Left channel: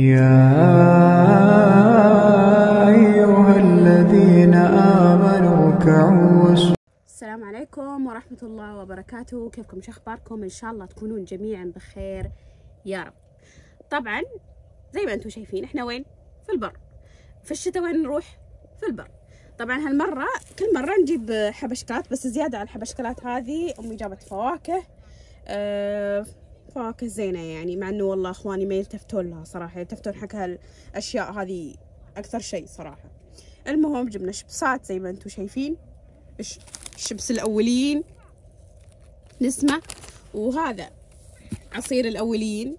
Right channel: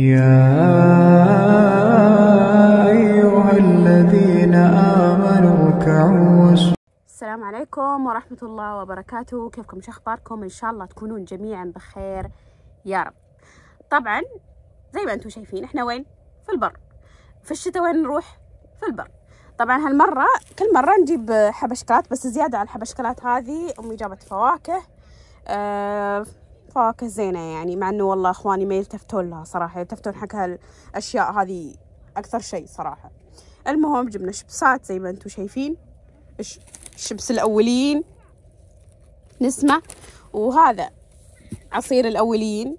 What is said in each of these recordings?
يا أيها الذين آمنوا اركعوا واسجدوا. السلام عليكم ورحمة الله وبركاته. كيفكم؟ شو أخباركم؟ إن شاء الله تكونون جميعا بخير يا رب. طبعا زي ما أنتم شايفين إحنا وين؟ في البر. في الشتاء وين نروح؟ في البر. طبعا هالمرة كل مرة نجيب حبشكات، بس زيادة على الحبشكات هذه أمي جابت فواكه. فواكه زينة يعني، مع إنه والله إخواني ما يلتفتون لها صراحة، يلتفتون حق هالأشياء هذه أكثر شيء صراحة. المهم جبنا شبسات زي ما أنتم شايفين، شبس الأولين نسمة، وهذا عصير الأولين.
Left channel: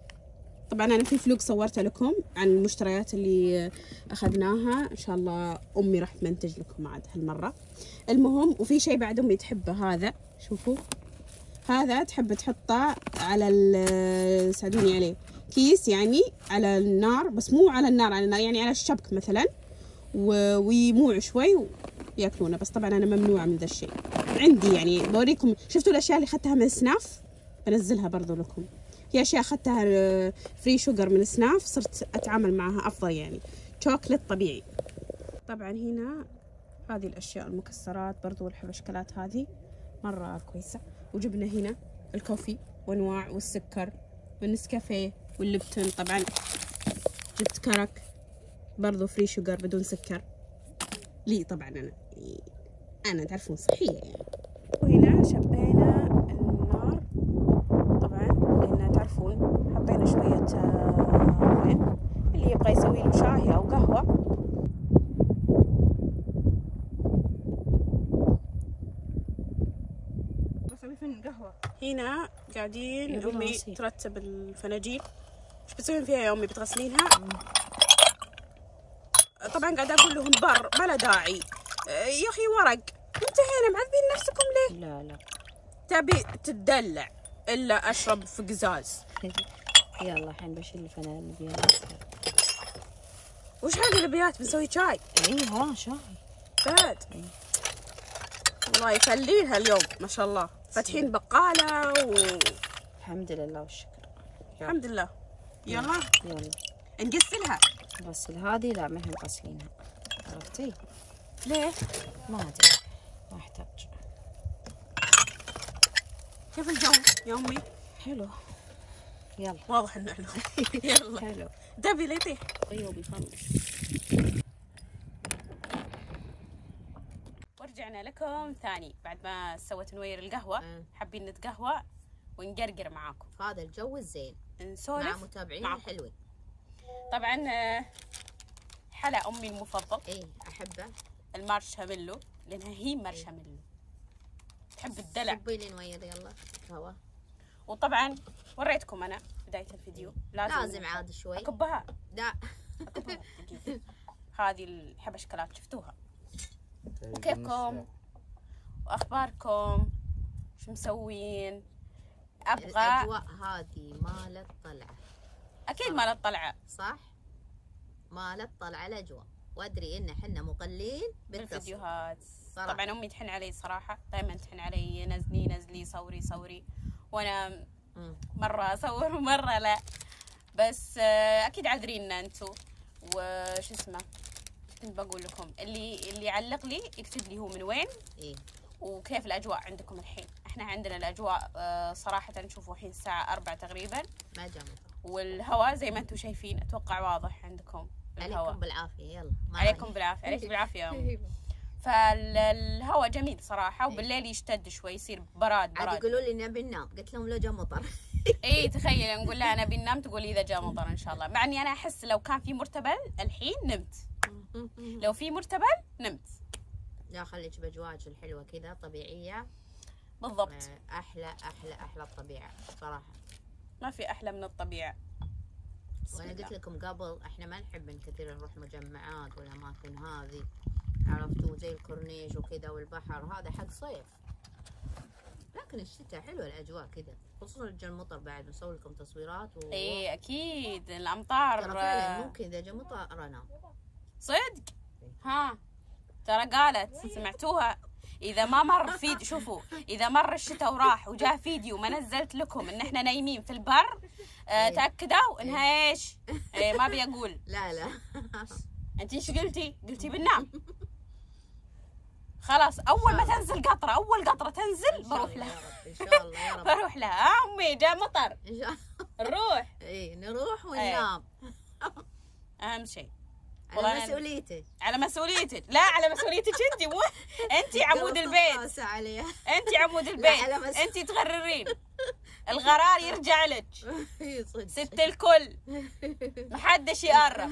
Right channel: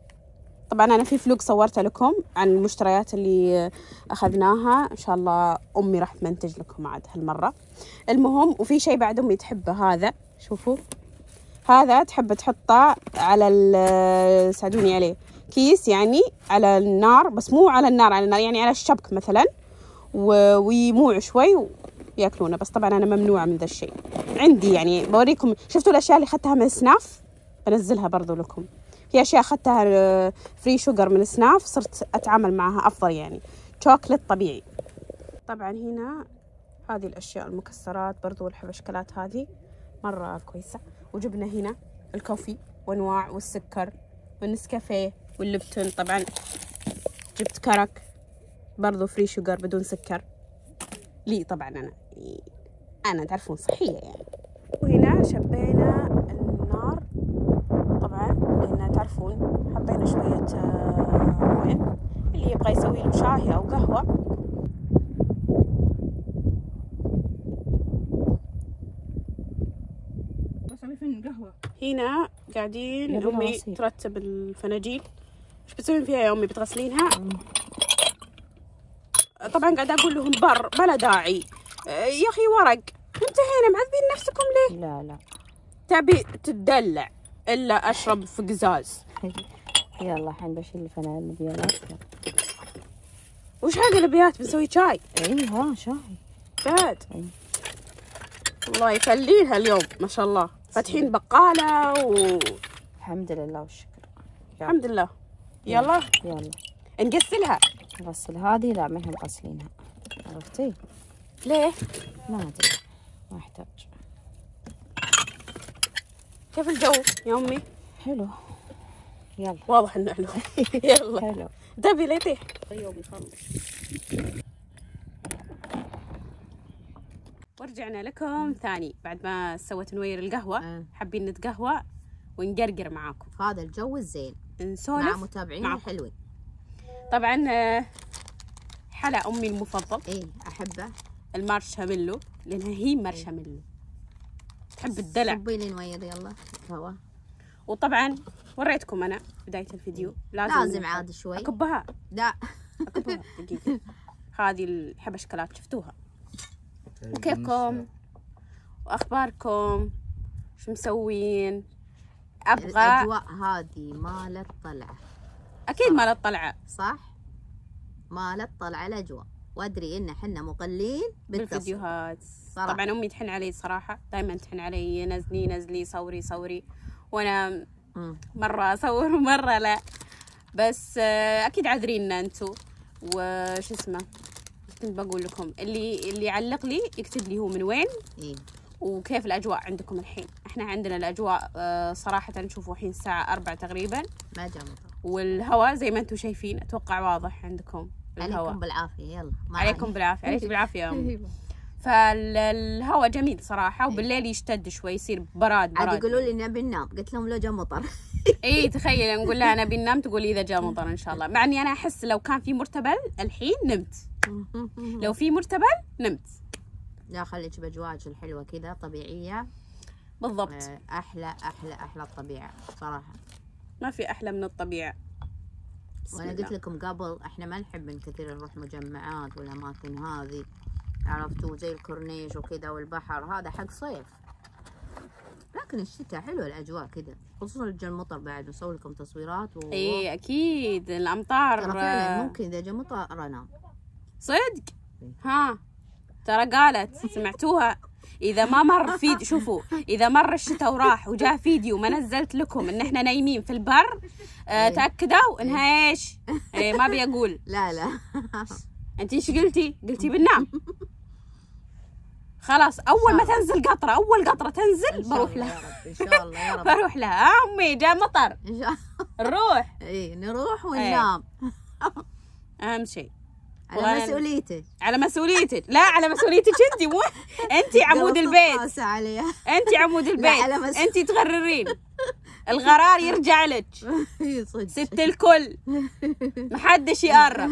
طبعا أنا في فلوق صورته لكم عن المشتريات اللي أخذناها، إن شاء الله أمي راح تمنتج لكم عاد هالمرة. المهم وفي شيء بعد أمي تحبه، هذا شوفوا، هذا تحب تحطه على ساعدوني عليه، كيس يعني على النار، بس مو على النار يعني على الشبك مثلا، ويموع شوي وياكلونه. بس طبعا انا ممنوعه من ذا الشيء. عندي يعني بوريكم، شفتوا الاشياء اللي اخذتها من سناف بنزلها برضو لكم. في اشياء اخذتها فري شوجر من سناف، صرت اتعامل معها افضل، يعني شوكليت طبيعي. طبعا هنا هذه الاشياء المكسرات برضو والحبشكلات هذه مره كويسه. وجبنا هنا الكوفي وانواع والسكر والنسكافيه واللبتون. طبعا جبت كرك برضو فري شوجر بدون سكر لي، طبعا انا تعرفون صحيه يعني. وهنا شبينا النار طبعا، لان تعرفون حطينا شويه مويه، اللي يبغى يسوي له شاي او قهوه. بسوي فين القهوه. هنا قاعدين امي ترتب الفناجيل. ايش بتسوين فيها يا امي؟ بتغسلينها؟ طبعا قاعده اقول لهم بر بلا داعي يا اخي، ورق. انتهينا، معذبين نفسكم ليه؟ لا تبي تدلع الا اشرب في قزاز. يلا الحين بشيل الفانيليات. وش هذه الابيات؟ بنسوي شاي؟ اي ها شاي جد؟ الله يخليها اليوم ما شاء الله، فاتحين بقاله الحمد لله والشكر. الحمد لله. يلا نقسلها. نغسل هذه؟ لا ما احنا مغسلينها، عرفتي ليه؟ ما ادري، ما احتاج. كيف الجو يا امي؟ حلو. يلا واضح انه حلو. يلا حلو. دبي ليتي طيب يخلص. ورجعنا لكم ثاني بعد ما سويت نوير القهوة. حابين نتقهوى ونقرقر معاكم في هذا الجو الزين، نسولف مع متابعين الحلوين. طبعا حلا امي المفضل، احبه، المارشميلو، لانها هي مارشميلو تحب الدلع. صبي لي نوير يلا هوا. وطبعا وريتكم انا بداية الفيديو لازم عاد شوي اكبها. لا اكبها دقيقة. هذه الحبشكلات شفتوها. وكيفكم واخباركم؟ شو مسوين؟ ابغى الاجواء هذه مالت طلعه، اكيد مالت طلعه، صح؟ مالت طلعه الاجواء، وادري ان احنا مقلين بالفيديوهات. طبعا امي تحن علي صراحه، دائما تحن علي نزلي صوري، وانا مره اصور ومره لا، بس اكيد عذريننا انتم. وش اسمه، كنت بقول لكم اللي يعلق لي يكتب لي هو من وين وكيف الاجواء عندكم الحين. احنا عندنا الاجواء صراحه نشوفوا الحين الساعه 4 تقريبا، ما جاء مطر، والهواء زي ما انتم شايفين، اتوقع واضح عندكم الهواء. عليكم بالعافيه. يلا عليكم بالعافيه. عليك بالعافيه يا امي. فالهواء جميل صراحه، وبالليل يشتد شوي، يصير براد. عاد يقولوا لي نبي ننام، قلت لهم لو جاء مطر. اي تخيل نقول لها نبي ننام، تقول اذا جاء مطر ان شاء الله. مع اني انا احس لو كان في مرتبل الحين نمت، لو في مرتبل نمت. لا خليك باجواج الحلوه كذا طبيعيه بالضبط. احلى الطبيعه صراحه، ما في احلى من الطبيعه. وانا قلت لكم قبل احنا ما نحب من كثير نروح مجمعات والاماكن هذه، عرفتوا، زي الكورنيش وكذا والبحر، هذا حق صيف. لكن الشتاء حلو الاجواء كذا، خصوصا جا المطر بعد نسوي لكم تصويرات اي اكيد الامطار. ترى فعلا ممكن اذا جا مطر انام صدق. ها ترى قالت سمعتوها، اذا ما مر شوفوا اذا مر الشتاء وراح وجاء فيديو ما نزلت لكم ان احنا نايمين في البر تاكدوا انها ايش؟ ما ابي اقول. لا انت ايش قلتي؟ قلتي بننام. خلاص اول ما تنزل قطره، اول قطره تنزل بروح لها ان شاء الله يا رب. بروح لها. امي جاء مطر ان شاء الله نروح. اي نروح وننام. اهم شيء على مسؤوليتك. على مسؤوليتك. لا على مسؤوليتك انت، مو انت عمود البيت. انت عمود البيت، انت تغررين. الغرار يرجع لك. ست الكل محدش يقرب.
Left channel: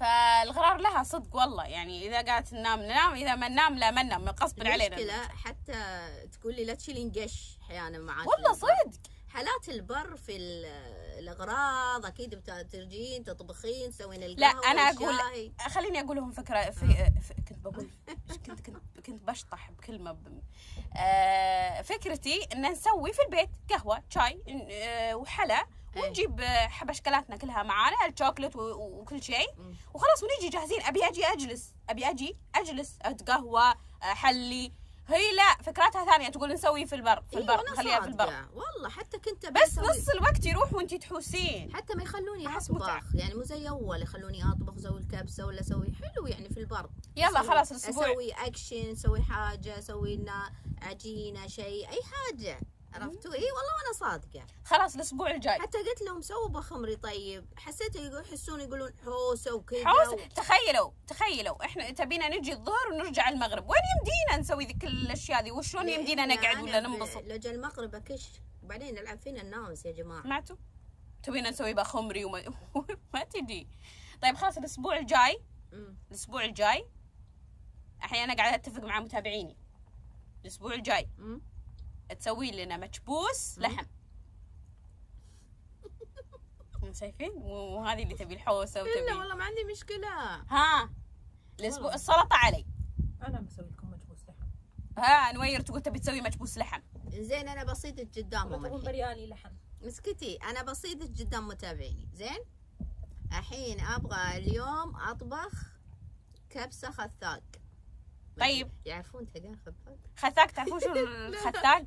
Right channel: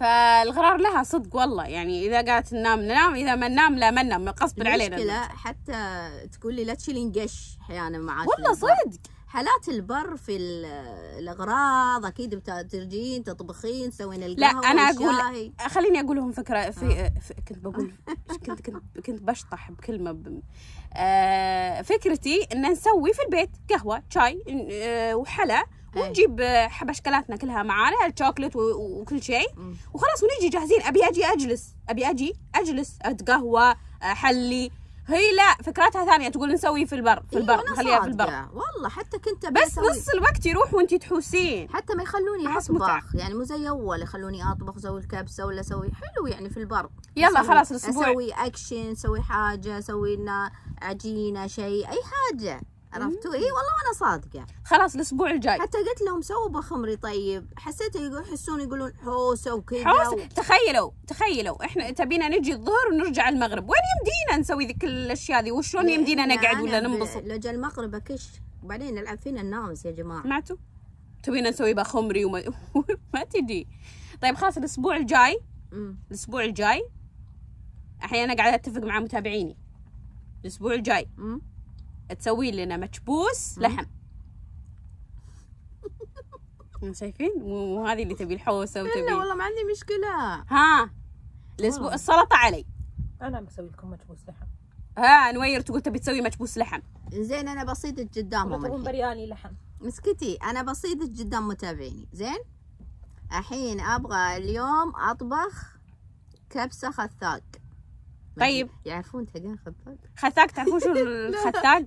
فالغرار لها صدق والله، يعني اذا قالت ننام ننام، اذا ما ننام لا ما ننام غصب علينا. المشكلة حتى تقول لي لا تشيلين قش احيانا معاك. والله صدق حالات البر في الاغراض اكيد بترجين تطبخين تسوين لا القهوه انا والشاي. اقول خليني اقول لهم فكره كنت بقول كنت بشطح بكلمه فكرتي ان نسوي في البيت قهوه شاي وحلا ونجيب حبشكلاتنا كلها معانا، الشوكلت وكل شيء وخلاص ونجي جاهزين. ابي اجي اجلس اتقهوى حلي. هي لا فكرتها ثانيه، تقول نسوي في البر نخليها في البر. والله حتى كنت بس نص الوقت يروح وانتي تحوسين. حتى ما يخلوني اطبخ، يعني مو زي اول يخلوني اطبخ اسوي الكبسه ولا اسوي حلو يعني في البر. يلا خلاص الاسبوع اسوي اكشن، اسوي حاجه، اسوي لنا عجينه شيء اي حاجه، عرفتوا؟ اي والله وانا صادقه. خلاص الاسبوع الجاي حتى قلت لهم سووا بخمري. طيب حسيت يحسون يقولون حوسه وكذا تخيلوا احنا تبينا نجي الظهر ونرجع المغرب، وين يمدينا نسوي ذيك الاشياء ذي؟ وشلون يمدينا نقعد ولا ننبسط؟ لجا المغرب اكش وبعدين نلعب فينا النامس يا جماعه. سمعتوا؟ تبينا نسوي بخمري ما تجي. طيب خلاص الاسبوع الجاي الحين انا قاعده اتفق مع متابعيني. الاسبوع الجاي تسوي لنا مكبوس لحم. شايفين؟ مو هذه اللي تبي الحوسه وتبي. لا والله ما عندي مشكله. ها الاسبوع السلطه علي. انا بسوي لكم مكبوس لحم. ها نوير تقول تبي تسوي مكبوس لحم. زين انا بصيدك قدامهم الحين. برياني لحم. مسكتي انا بصيدك قدام متابعيني. زين الحين ابغى اليوم اطبخ كبسه خثاق. طيب يعرفون تلقين خثاق؟ تعرفون شو الخثاق؟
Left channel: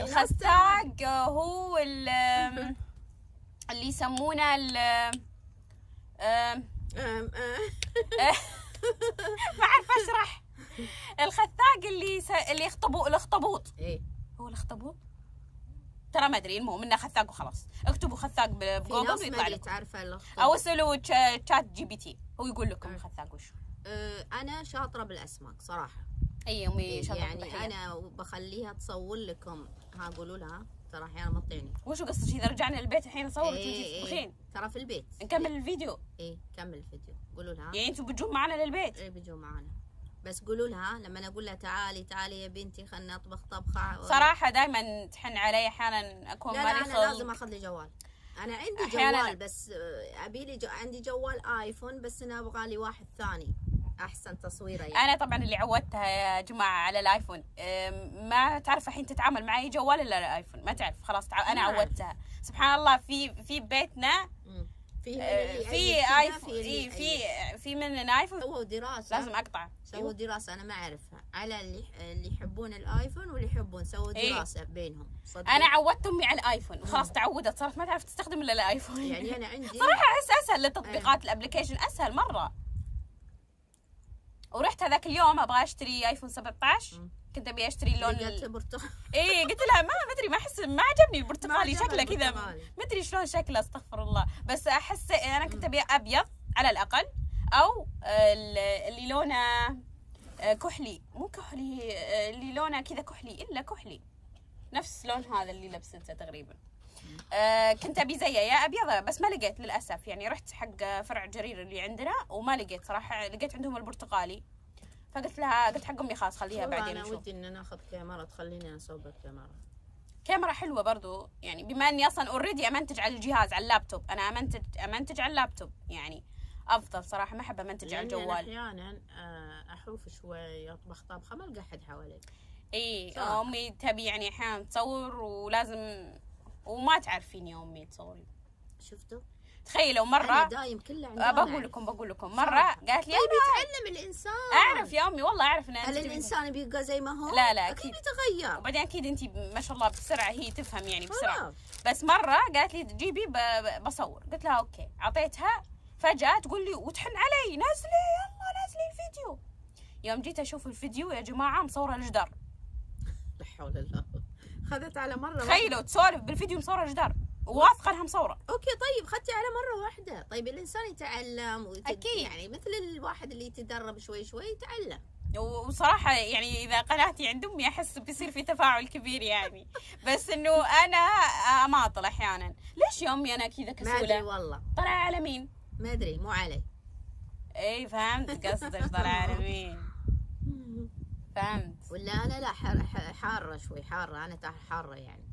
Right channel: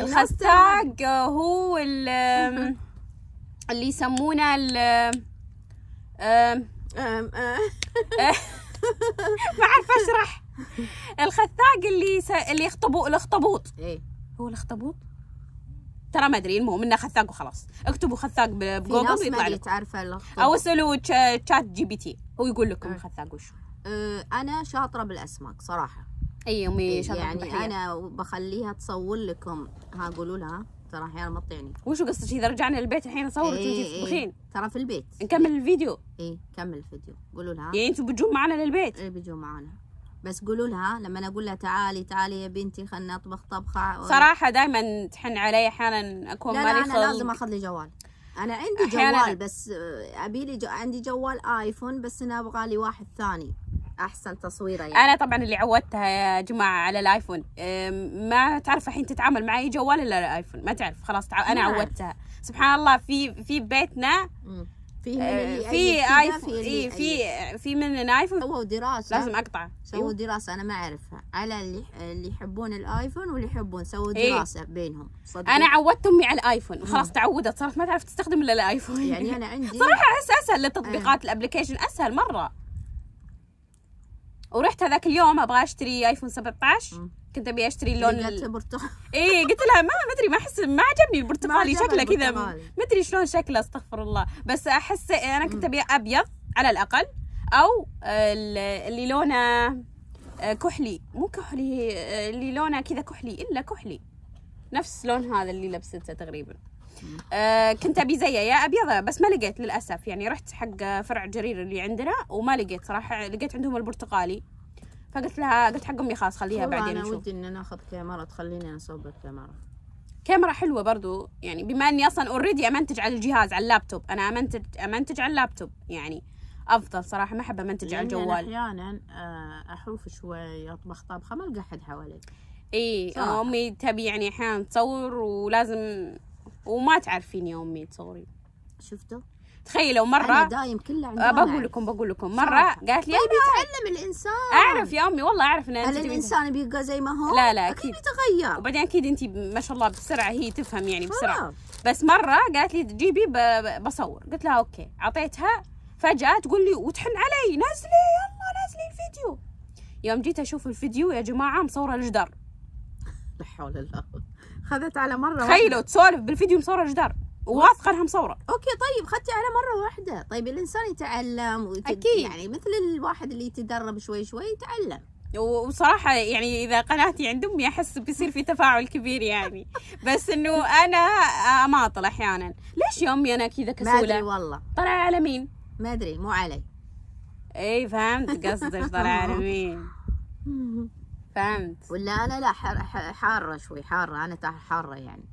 الخثاق هو اللي يسمونه ما اعرف اشرح. الخثاق اللي يخطبوا الاخطبوط. ايه هو الاخطبوط ترى ما ادري. المهم انه خثاق وخلاص. اكتبوا خثاق بجوجل يطلع لكم، او اسالوا تشات جي بي تي هو يقول لكم الخثاق وش. انا شاطره بالاسماك صراحه. اي امي شاطره يعني انا بخليها تصور لكم. ها قولوا لها ترى احيانا مطيعني. وشو قصدك اذا رجعنا البيت الحين نصور وانتي تطبخين؟ ترى في البيت نكمل الفيديو. اي كمل الفيديو. قولوا لها يعني انتم بتجون معنا للبيت؟ اي بيجوا معنا، بس قولوا لها لما اقول لها تعالي يا بنتي خلنا نطبخ طبخه. صراحه دائما تحن علي احيانا اكون مالي خلق. انا لازم اخذ لي جوال. انا عندي جوال بس ابي لي عندي جوال ايفون، بس انا ابغى لي واحد ثاني احسن تصويره يعني. انا طبعا اللي عودتها يا جماعه على الايفون. ما تعرف الحين تتعامل مع اي جوال الا الايفون، ما تعرف خلاص. انا عودتها سبحان الله. في بيتنا في ايفون. في من ايفون. سووا دراسه لازم اقطع. سووا دراسه انا ما اعرفها على اللي يحبون الايفون واللي يحبون. سووا دراسه بينهم. صدق انا عودت امي على الايفون وخلاص تعودت، صارت ما تعرف تستخدم الا الايفون. يعني انا عندي صراحه احس اسهل للتطبيقات. الابلكيشن اسهل مره. ورحت هذاك اليوم ابغى اشتري ايفون 17. كنت ابي اشتري اللون برتقالي. ايه قلت لها ما ادري، ما احس ما عجبني البرتقالي شكله كذا، ما ادري شلون شكله استغفر الله. بس احس انا كنت ابي ابيض على الاقل، او اللي لونه كحلي، مو كحلي، اللي لونه كذا كحلي الا كحلي نفس لون هذا اللي لبسته تقريبا. كنت ابي زيه يا ابيض، بس ما لقيت للاسف. يعني رحت حق فرع جرير اللي عندنا وما لقيت صراحه. لقيت عندهم البرتقالي، فقلت لها قلت حق امي خلاص خليها بعدين نشوف. انا ودي ان ناخذ كاميرا تخليني اصور بالكاميرا. كاميرا حلوه برضو، يعني بما اني اصلا اوريدي امنتج على الجهاز على اللابتوب. انا امنتج على اللابتوب يعني افضل صراحه. ما احب امنتج على الجوال. احيانا احوف شوي اطبخ طبخه ما القى احد حوالي. اي امي تبي يعني احيانا تصور ولازم، وما تعرفين يا امي تصوري. شفتوا تخيلوا أنا مرة دايم كله عندنا. بقول لكم مرة قالت لي طيب يتعلم الإنسان. أعرف يا أمي والله أعرف إن هل الإنسان بيبقى زي ما هو؟ لا أكيد أكيد يتغير. وبعدين أكيد أنت ما شاء الله بسرعة هي تفهم يعني بسرعة. آه. بس مرة قالت لي جيبي بصور، قلت لها أوكي، أعطيتها، فجأة تقول لي وتحن علي نزلي يلا نزلي الفيديو. يوم جيت أشوف الفيديو يا جماعة مصورة الجدار. لا حول الله. خذت على مرة تخيلوا تسولف بالفيديو مصورة الجدار وواثقة انها مصورة. اوكي طيب خدتي على مرة واحدة. طيب الانسان يتعلم أكيد. يعني مثل الواحد اللي يتدرب شوي شوي يتعلم. وصراحة يعني إذا قناتي عند أمي أحس بيصير في تفاعل كبير يعني. بس إنه أنا أماطل أحيانا. ليش يا أمي أنا كذا كسولة؟ ما أدري والله. طلع على مين؟ ما أدري مو علي. إيه فهمت قصدك طلع على مين. فهمت. ولا أنا لا حارة شوي حارة أنا حارة يعني.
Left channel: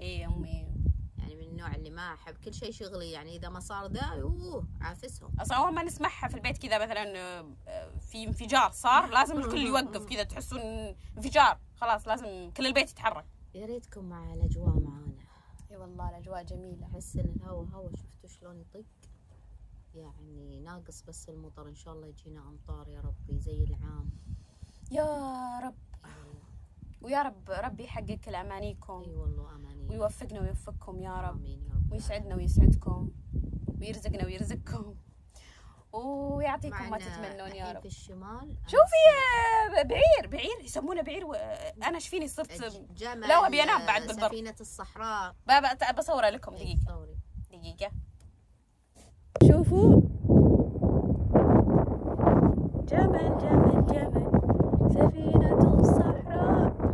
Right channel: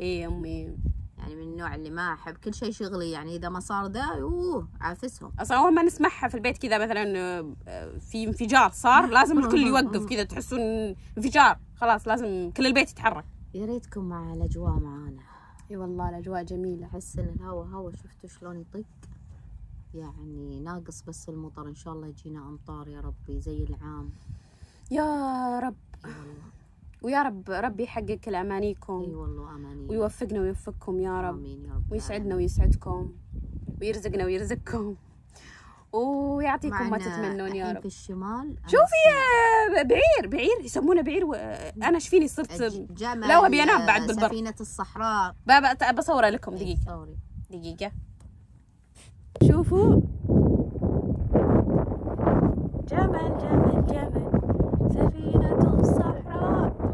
إيه أمي. يعني من النوع اللي ما أحب كل شيء شغلي يعني إذا ما صار ده عافسهم. أصلا أول ما نسمعها في البيت كذا مثلا في انفجار صار لازم الكل يوقف كذا تحسون انفجار خلاص لازم كل البيت يتحرك. يا ريتكم مع الأجواء معانا. اي والله الاجواء جميله. احس ان الهوا شفتوا شلون يطق يعني ناقص بس المطر. ان شاء الله يجينا امطار يا ربي زي العام يا رب. ويا رب ربي يحقق كل امانيكم. اي والله اماني. ويوفقنا ويوفقكم يا رب. امين يا رب. ويسعدنا ويسعدكم ويرزقنا ويرزقكم ويعطيكم ما تتمنون يا رب. في الشمال شوفي بعير يسمونه بعير انا شفيني صرت لا ابي انام بعد بالبر. سفينة الصحراء. بصورها لكم دقيقة. شوفوا جمل سفينة الصحراء.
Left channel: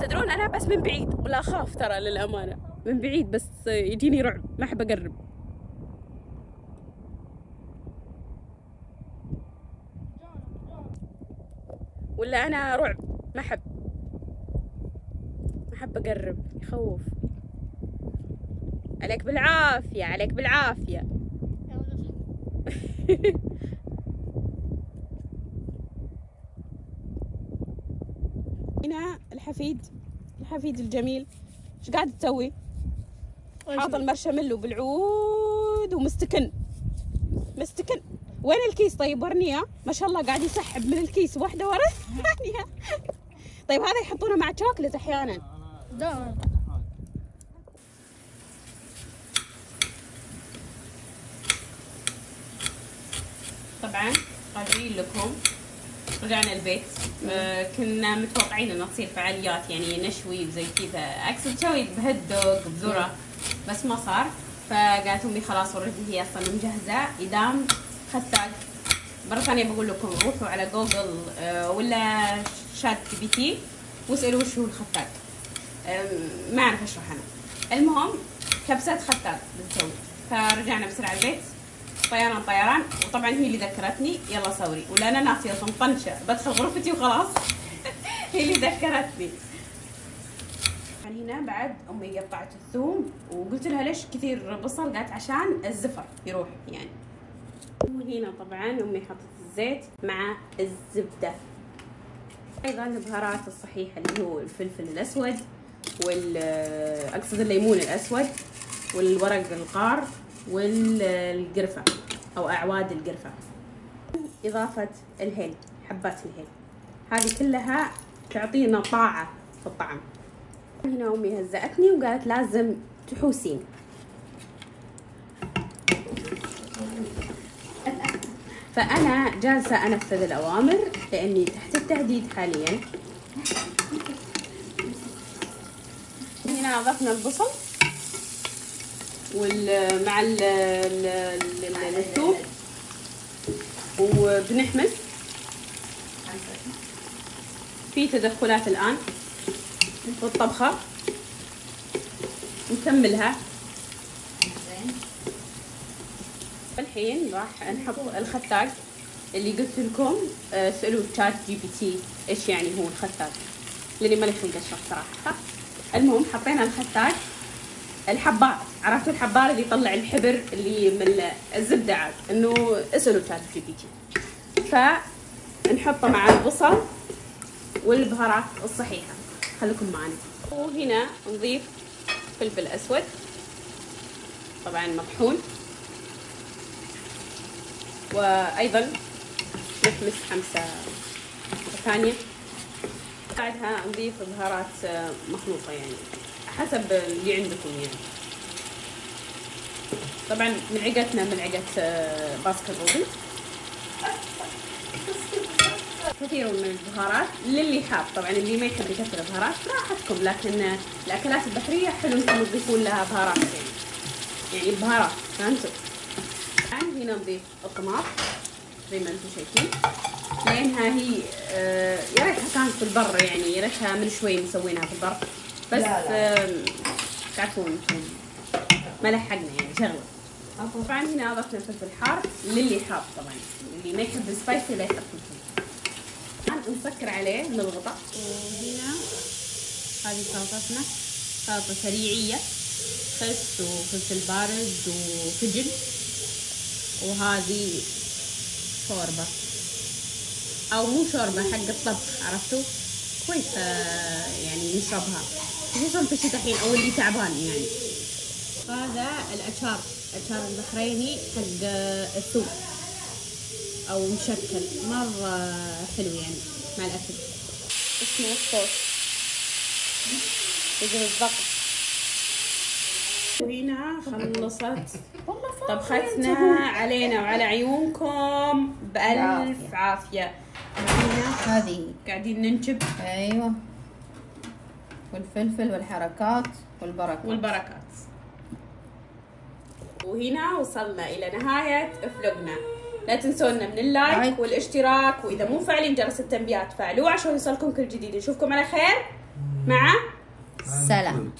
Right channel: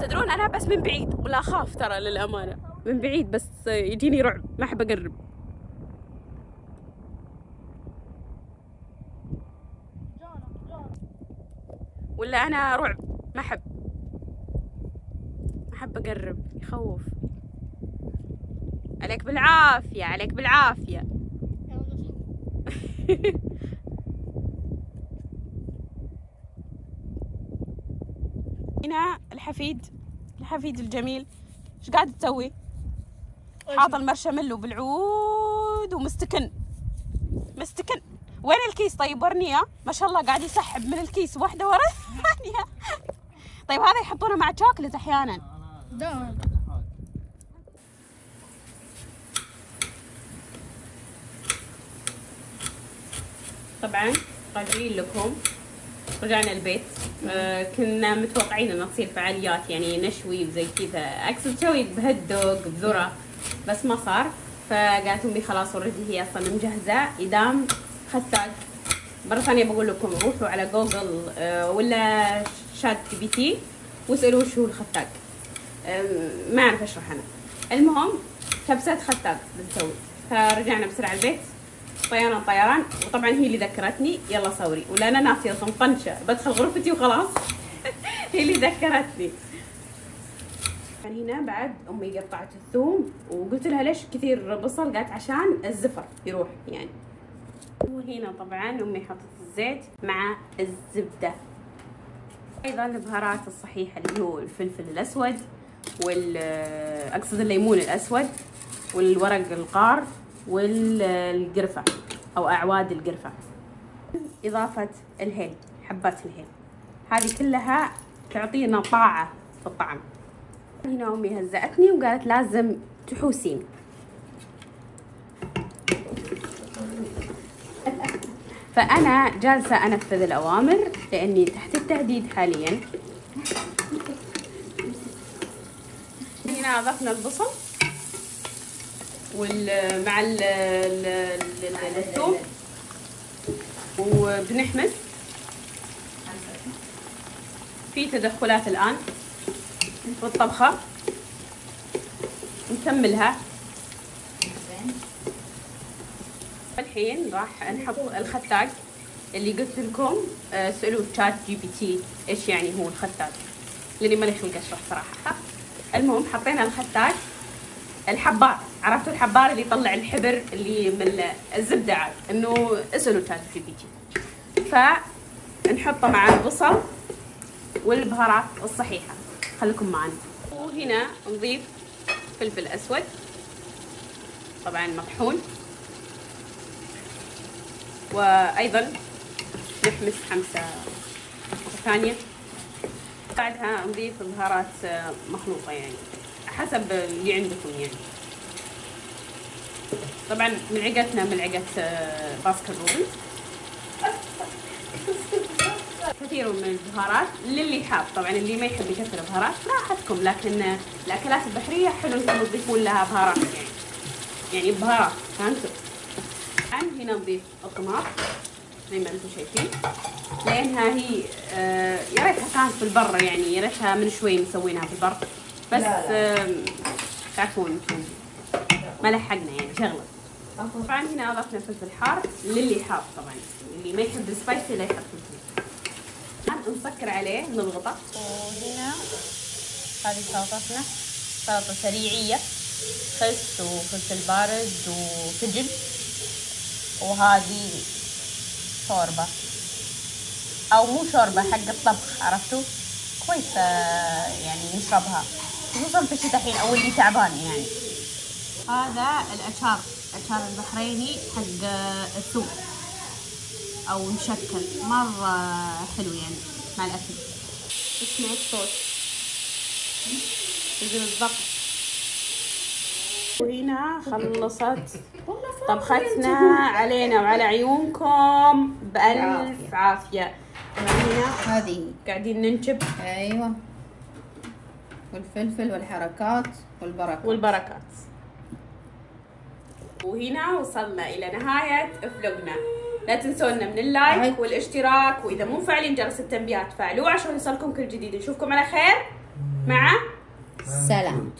تدرون انا بس من بعيد ولا اخاف ترى للامانة من بعيد بس يجيني رعب ما احب اقرب. ولا انا رعب ما احب اقرب يخوف. عليك بالعافية هنا الحفيد الجميل ايش قاعد تسوي؟ حاط المرشميلو بالعود ومستكن. وين الكيس طيب ورنيه؟ ما شاء الله قاعد يسحب من الكيس واحدة ورا الثانية. طيب هذا يحطونه مع شوكلت احيانا. طبعا راجعين لكم رجعنا البيت. كنا متوقعين انه تصير فعاليات يعني نشوي وزي كذا اقصد تسوي بهد دوغ بذره بس ما صار. فقالت امي خلاص اوريدي هي اصلا مجهزه ايدام ختاق. مرة ثانية بقول لكم روحوا على جوجل ولا شات جي بي تي واسألوا وش هو الختاق. ما أعرف أشرح أنا. المهم كبسة ختاق بنسوي. فرجعنا بسرعة البيت طيران وطبعا هي اللي ذكرتني يلا صوري ولا أنا ناسية طنطنشة بدخل غرفتي وخلاص. هي اللي ذكرتني. هنا بعد أمي قطعت الثوم وقلت لها ليش كثير بصل؟ قالت عشان الزفر يروح يعني. وهنا طبعا امي حطت الزيت مع الزبده. ايضا البهارات الصحيحه اللي هو الفلفل الاسود اقصد الليمون الاسود والورق القار والقرفه او اعواد القرفه. اضافه الهيل حبات الهيل هذه كلها تعطينا طاعه في الطعم. هنا امي هزأتني وقالت لازم تحوسين. فأنا جالسة أنفذ الأوامر لأني تحت التهديد حاليا. هنا أضفنا البصل مع الثوم وبنحمس. في تدخلات الآن بالطبخة نكملها. الحين راح نحط الختاق اللي قلت لكم سألوا شات جي بي تي ايش يعني هو الختاق لاني ماني خلق اشرح صراحه. المهم حطينا الختاق الحبار. عرفتوا الحبار اللي يطلع الحبر اللي من الزبده انه اسألوا شات جي بي تي. فنحطه مع البصل والبهارات الصحيحه. خليكم معنا. وهنا نضيف فلفل اسود طبعا مطحون وأيضا نحمس حمسة ثانية. بعدها نضيف بهارات مخلوطة يعني حسب اللي عندكم يعني. طبعا ملعقتنا ملعقة باسكت كثير من البهارات للي حاب. طبعا اللي ما يحب يكثر البهارات لا حطكم، لكن الأكلات البحرية حلو انكم تضيفون لها بهارات يعني بهارات، فهمتوا؟ هنا نضيف الطماط زي ما انتم شايفين، لانها هي يا ريتها كانت في البر يعني، يا ريتها من شوي مسوينها في البر بس تعرفون ما لحقنا يعني شغله. طبعا هنا اضفنا فلفل حار للي حار، طبعا اللي ما يحب السبايسي لا يحط فلفل. الان نسكر عليه نضغطه. وهنا هذه سلطتنا، سلطه سريعيه، خس وفلفل بارد وفجل، وهذه شوربة أو مو شوربة حق الطبخ، عرفتوا؟ كويس يعني نشربها خصوصا في الشتاء الحين أو اللي تعبان يعني. هذا الأشار البحريني حق الثوم أو مشكل، مرة حلو يعني مع الأكل. اسمه الصوص يجي بالضبط. وهنا خلصت طبختنا علينا وعلى عيونكم بألف عافية. هنا هذه قاعدين ننشب. ايوه، والفلفل والحركات والبركات. وهنا وصلنا إلى نهاية فلوقنا. لا تنسونا من اللايك والاشتراك، وإذا مو فاعلين جرس التنبيهات فعلوه عشان يوصلكم كل جديد. نشوفكم على خير، مع سلام.